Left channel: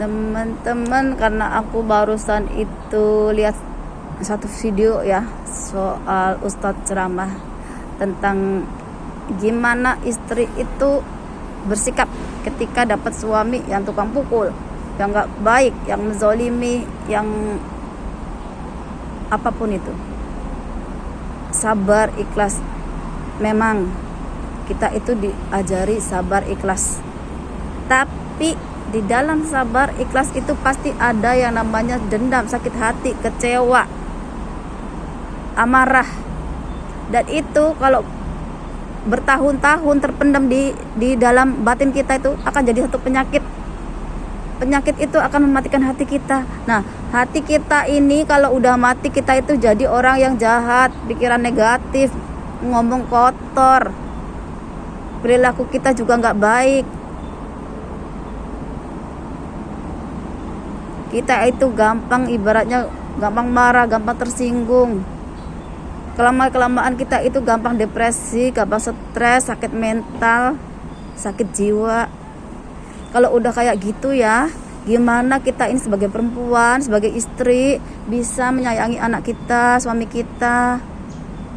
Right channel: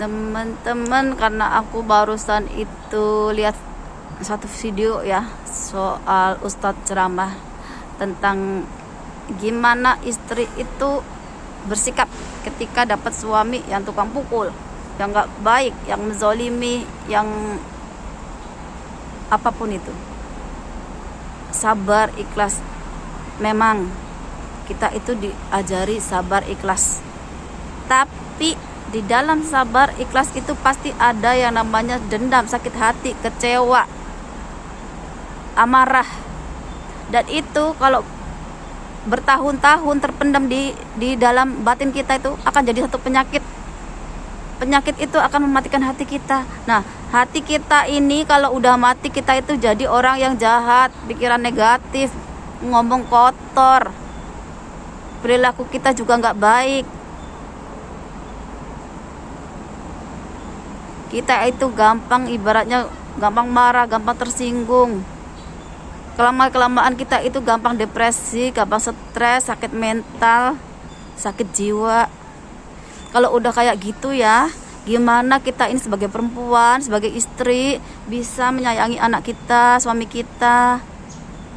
teman-teman, karena aku barusan itu lihat satu video ya soal Ustadz ceramah tentang gimana istri itu bersikap ketika dapat suami yang tukang pukul, yang gak baik, yang menzolimi, yang apapun itu. Sabar, ikhlas. Memang kita itu diajari sabar, ikhlas, tapi di dalam sabar ikhlas itu pasti ada yang namanya dendam, sakit hati, kecewa, amarah. Dan itu kalau bertahun-tahun terpendam di dalam batin kita, itu akan jadi satu penyakit. Penyakit itu akan mematikan hati kita. Nah, hati kita ini kalau udah mati, kita itu jadi orang yang jahat, pikiran negatif, ngomong kotor, perilaku kita juga nggak baik. Kita itu gampang, ibaratnya gampang marah, gampang tersinggung. Kelamaan kita itu gampang depresi, gampang stres, sakit mental, sakit jiwa. Kalau udah kayak gitu ya, gimana kita ini sebagai perempuan, sebagai istri bisa menyayangi anak kita, suami kita,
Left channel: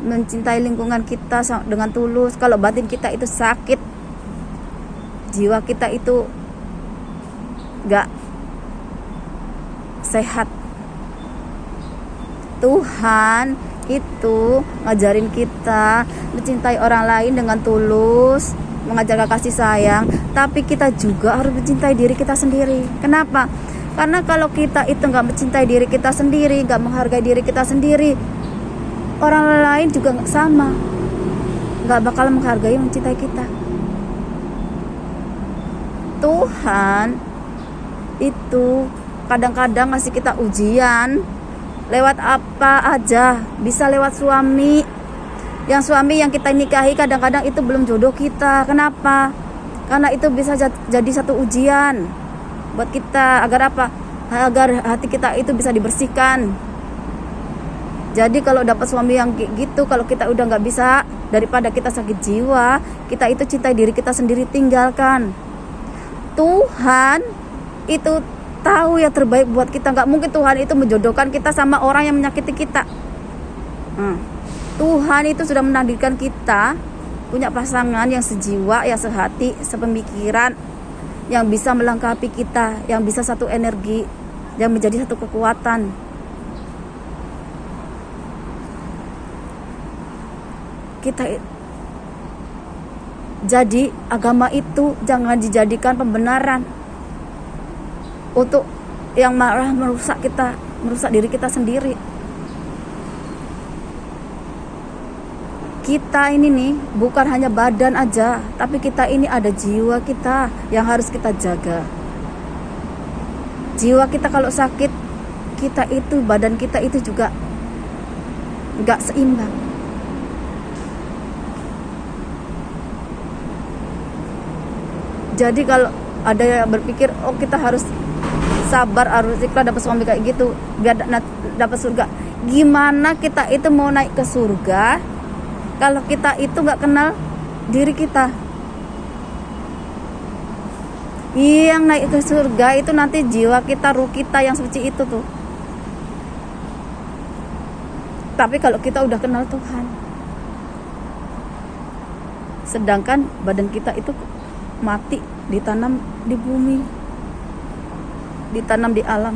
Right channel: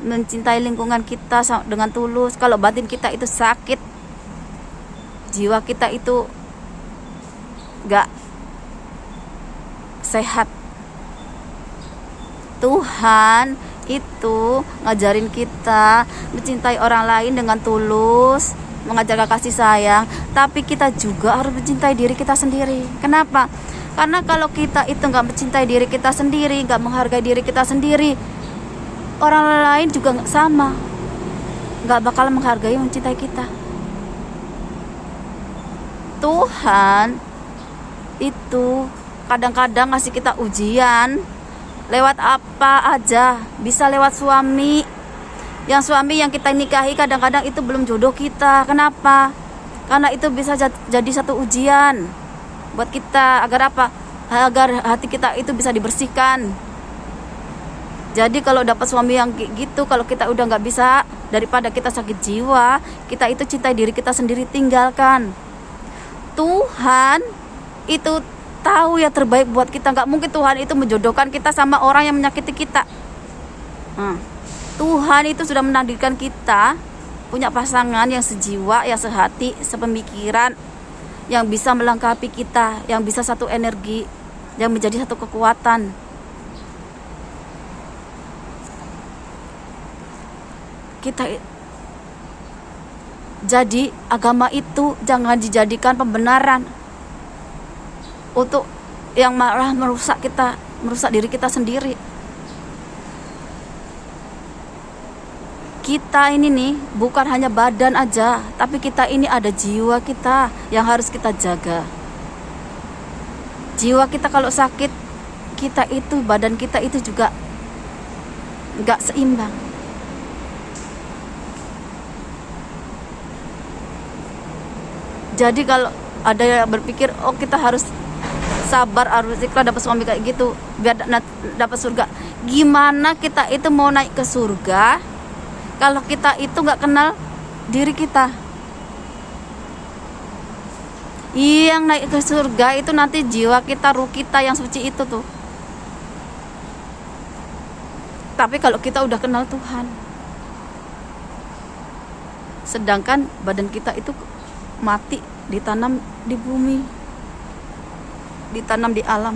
mencintai lingkungan kita dengan tulus. Kalau batin kita itu sakit, jiwa kita itu gak sehat. Tuhan itu ngajarin kita mencintai orang lain dengan tulus, mengajarkan kasih sayang, tapi kita juga harus mencintai diri kita sendiri. Kenapa? Karena kalau kita itu gak mencintai diri kita sendiri, gak menghargai diri kita sendiri, orang lain juga sama, gak bakal menghargai, mencintai kita. Tuhan itu kadang-kadang ngasih kita ujian lewat apa aja. Bisa lewat suami. Yang suami yang kita nikahi kadang-kadang itu belum jodoh kita. Kenapa? Karena itu bisa jadi satu ujian buat kita. Agar apa? Agar hati kita itu bisa dibersihkan. Jadi kalau dapat suami yang gitu, kalau kita udah gak bisa, daripada kita sakit jiwa, kita itu cintai diri kita sendiri, tinggalkan. Tuhan itu tahu yang terbaik buat kita. Gak mungkin Tuhan itu menjodohkan kita sama orang yang menyakiti kita. Tuhan itu sudah menakdirkan kita punya pasangan yang sejiwa, yang sehati, sepemikiran, yang bisa melengkapi kita, yang bisa satu energi, yang menjadi satu kekuatan. Kita jadi agama itu jangan dijadikan pembenaran untuk yang malah merusak kita, merusak diri kita sendiri. Kita ini nih bukan hanya badan aja, tapi kita ini ada jiwa kita yang harus kita jaga. Jiwa kita kalau sakit, kita itu, badan kita itu juga gak seimbang. Jadi kalau ada yang berpikir, oh kita harus sabar, harus ikhlas dapat suami kayak gitu biar dapat surga. Gimana kita itu mau naik ke surga kalau kita itu nggak kenal diri kita? Yang naik ke surga itu nanti jiwa kita, ruh kita yang suci itu tuh. Tapi kalau kita udah kenal Tuhan, sedangkan badan kita itu mati, ditanam di bumi, ditanam di alam,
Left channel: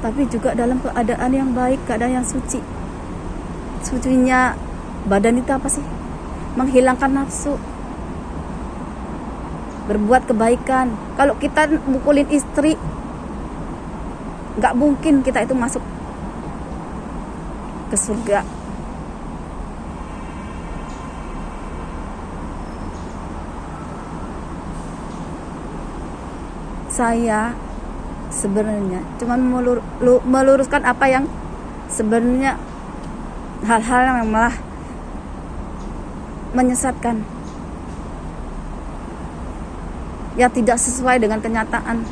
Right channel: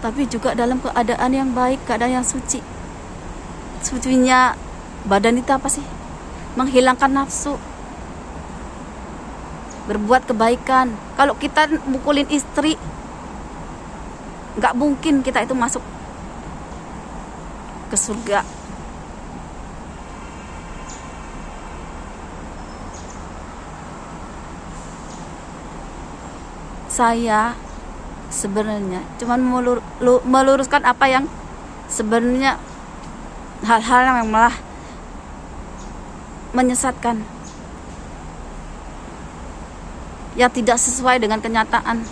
tapi juga dalam keadaan yang baik, keadaan yang suci. Sucinya badan itu apa sih? Menghilangkan nafsu, berbuat kebaikan. Kalau kita mukulin istri, gak mungkin kita itu masuk ke surga. Saya sebenarnya cuman meluruskan apa yang sebenarnya hal-hal yang malah menyesatkan, yang tidak sesuai dengan kenyataan.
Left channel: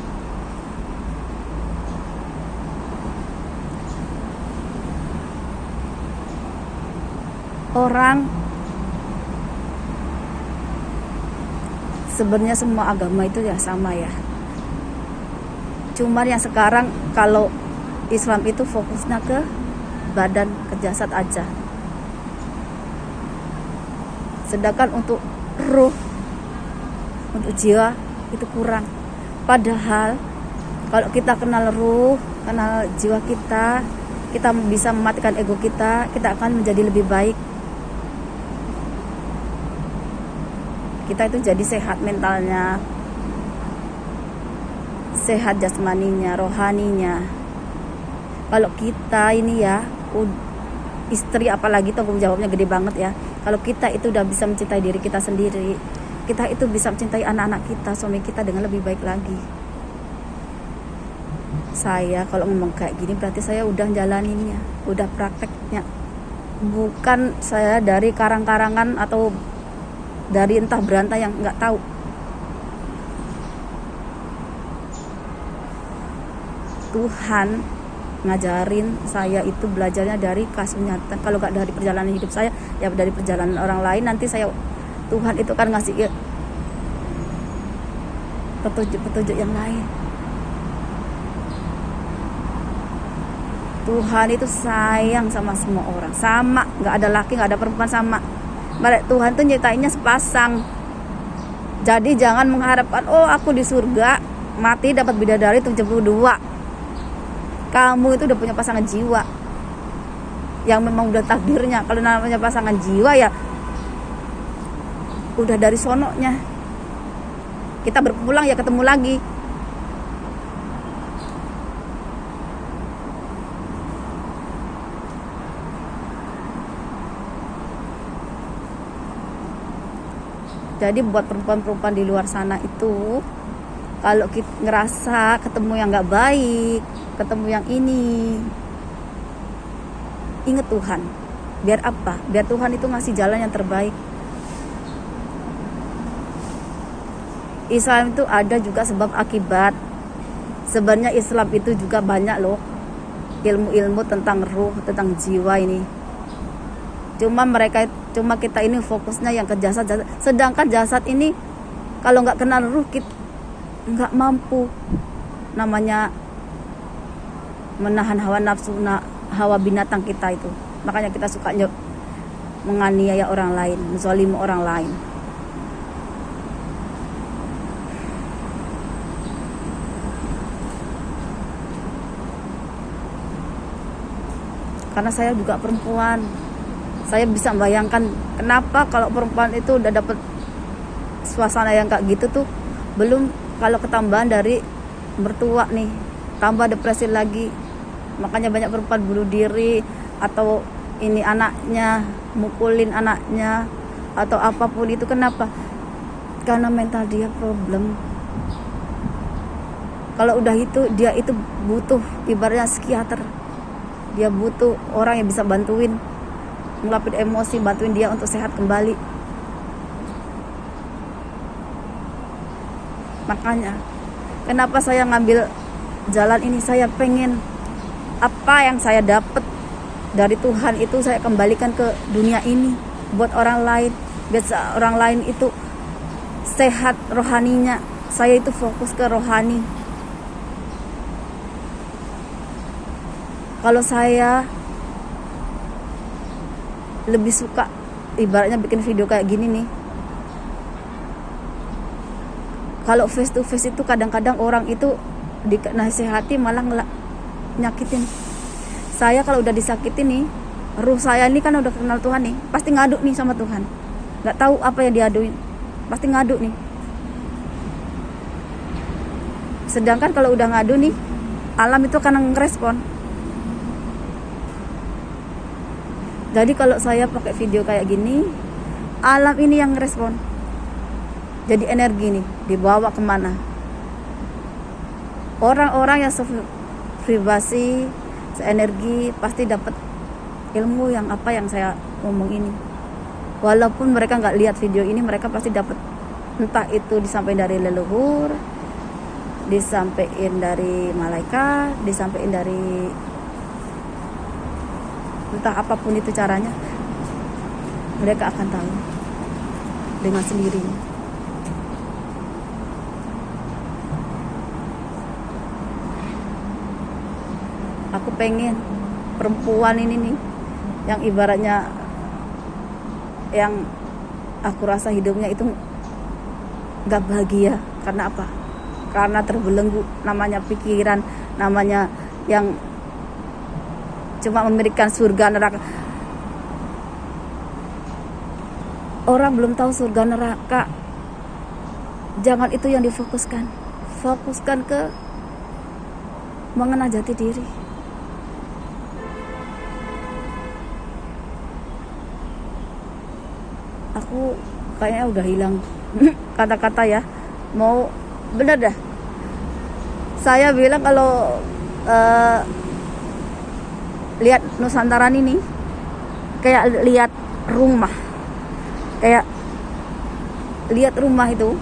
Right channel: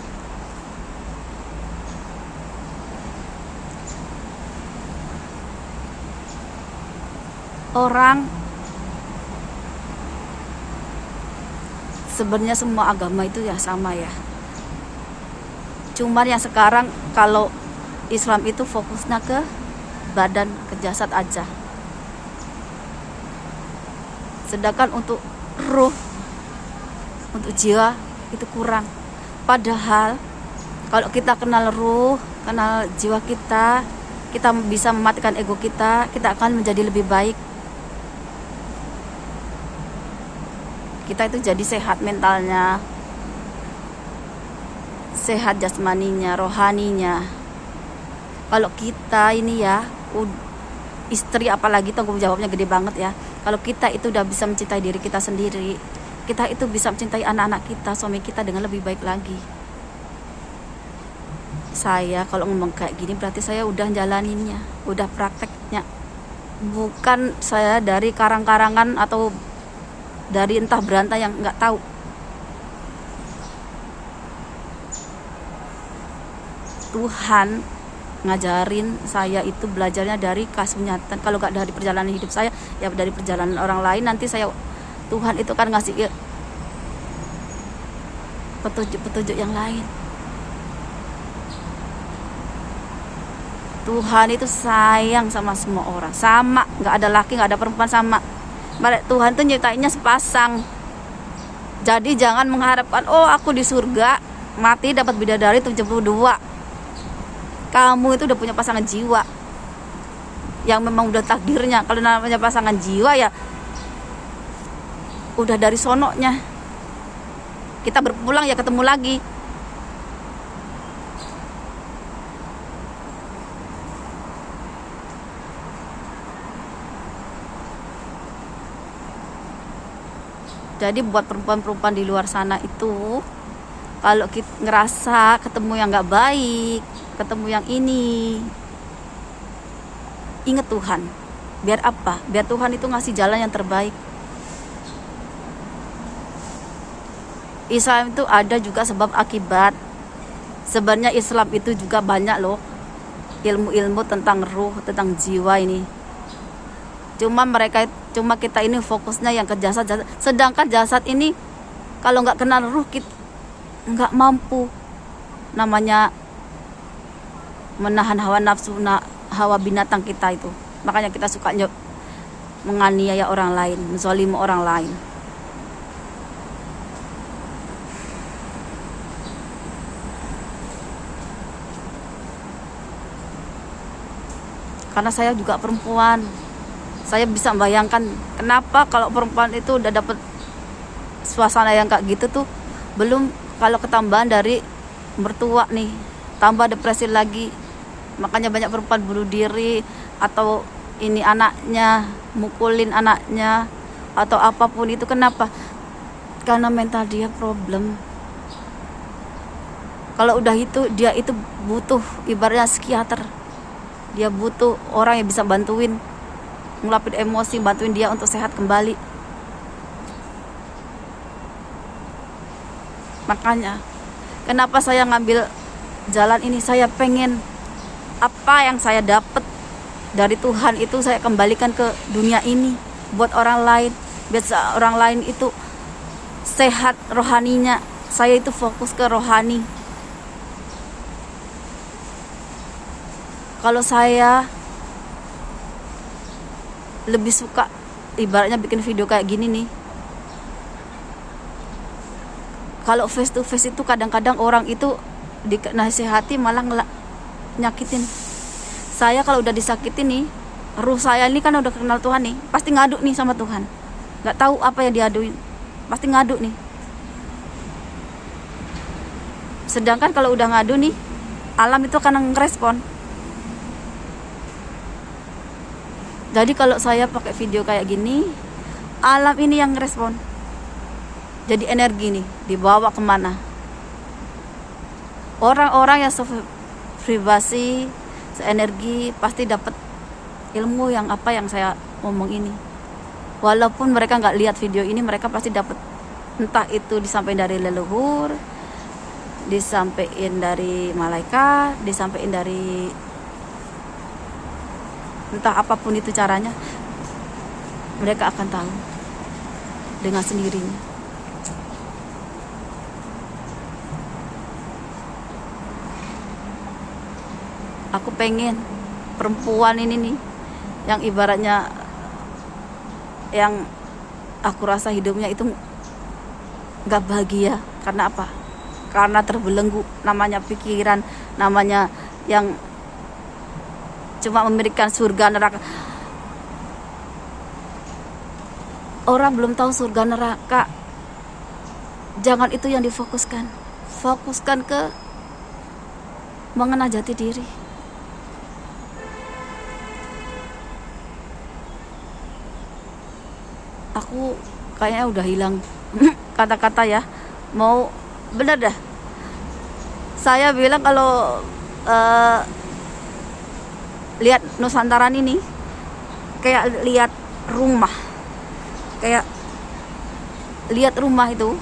Orang sebenarnya semua agama itu ya sama ya. Cuman yang sekarang kalau Islam itu fokusnya ke badan, ke jasad aja. Sedangkan untuk ruh, untuk jiwa itu kurang. Padahal kalau kita kenal ruh, kenal jiwa kita bisa mematikan ego kita akan menjadi lebih baik. Kita itu jadi sehat mentalnya, sehat jasmaninya, rohaninya. Kalau kita ini ya, istri apalagi tanggung jawabnya gede banget ya. Kalau kita itu udah bisa mencintai diri kita sendiri, kita itu bisa mencintai anak-anak kita, suami kita dengan lebih baik lagi. Saya kalau ngomong kayak gini berarti saya udah jalaninnya, udah prakteknya. Bukan saya dari karang-karangan atau dari entah berantah yang nggak tahu. Tuhan ngajarin saya itu belajarnya dari kasus nyata. Kalau nggak dari perjalanan hidup saya, ya dari perjalanan orang lain. Nanti Tuhan itu kan ngasih petunjuk-petunjuk yang lain. Tuhan itu sayang sama semua orang, sama, nggak ada laki, nggak ada perempuan, sama. Tuhan tuh nyiptainnya sepasang. Jadi jangan mengharapkan, oh aku di surga mati dapat bidadari 72. Kamu itu udah punya pasangan jiwa yang memang udah takdirnya. Kalau namanya pasangan jiwa ya udah dari sononya. Kita berpulang ya ketemu lagi. Jadi buat perempuan-perempuan di luar sana itu, kalau kita ngerasa ketemu yang gak baik, ketemu yang ini, ingat Tuhan. Biar apa? Biar Tuhan itu ngasih jalan yang terbaik. Islam itu ada juga sebab akibat. Sebenarnya Islam itu juga banyak loh ilmu-ilmu tentang ruh, tentang jiwa ini. Cuma kita ini fokusnya yang ke jasad. Sedangkan jasad ini kalau nggak kenal ruh, kita nggak mampu namanya menahan hawa nafsu, hawa binatang kita itu. Makanya kita suka menganiaya orang lain, menzalimi orang lain. Karena saya juga perempuan, saya bisa membayangkan kenapa kalau perempuan itu udah dapet suasana yang kayak gitu tuh, belum kalau ketambahan dari mertua nih, tambah depresi lagi. Makanya banyak perempuan bunuh diri, atau ini anaknya, mukulin anaknya, atau apapun itu. Kenapa? Karena mental dia problem. Kalau udah itu, dia itu butuh ibaratnya psikiater. Dia butuh orang yang bisa bantuin, ngelapin emosi, bantuin dia untuk sehat kembali. Makanya kenapa saya ngambil jalan ini, saya pengen apa yang saya dapat dari Tuhan itu saya kembalikan ke dunia ini buat orang lain, biar orang lain itu sehat rohaninya. Saya itu fokus ke rohani. Kalau saya lebih suka ibaratnya bikin video kayak gini nih. Kalau face to face itu kadang-kadang orang itu dinasihati malah nyakitin. Saya kalau udah disakitin nih, ruh saya ini kan udah kenal Tuhan nih, pasti ngadu nih sama Tuhan. Gak tahu apa yang diaduin, pasti ngadu nih. Sedangkan kalau udah ngadu nih, alam itu akan ngerespon. Jadi kalau saya pakai video kayak gini, alam ini yang ngerespon. Jadi energi nih dibawa kemana? Orang-orang yang vibrasi, seenergi pasti dapat ilmu yang apa yang saya ngomong ini. Walaupun mereka nggak lihat video ini, mereka pasti dapat. Entah itu disampaikan dari leluhur, disampaikan dari malaikat, disampaikan dari entah apapun itu caranya, mereka akan tahu dengan sendirinya. Aku pengen perempuan ini nih, yang ibaratnya, yang aku rasa hidupnya itu gak bahagia. Karena apa? Karena terbelenggu, namanya pikiran, namanya yang cuma memberikan surga neraka. Orang belum tahu surga neraka, jangan itu yang difokuskan. Fokuskan ke mengenal jati diri. Aku kayaknya udah hilang kata-kata ya. Mau bener dah, saya bilang kalau lihat Nusantara ini kayak lihat rumah, kayak lihat rumah itu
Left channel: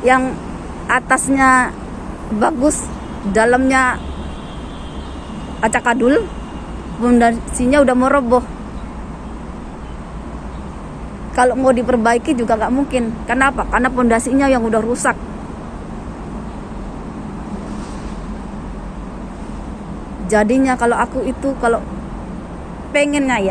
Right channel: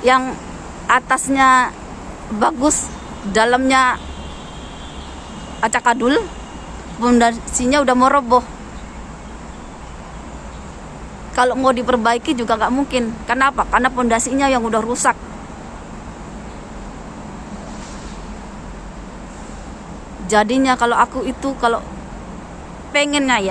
yang atasnya bagus, dalamnya acak-adul, pondasinya udah mau roboh. Kalau mau diperbaiki juga nggak mungkin. Kenapa? Karena pondasinya yang udah rusak. Jadinya kalau aku itu, kalau pengennya ya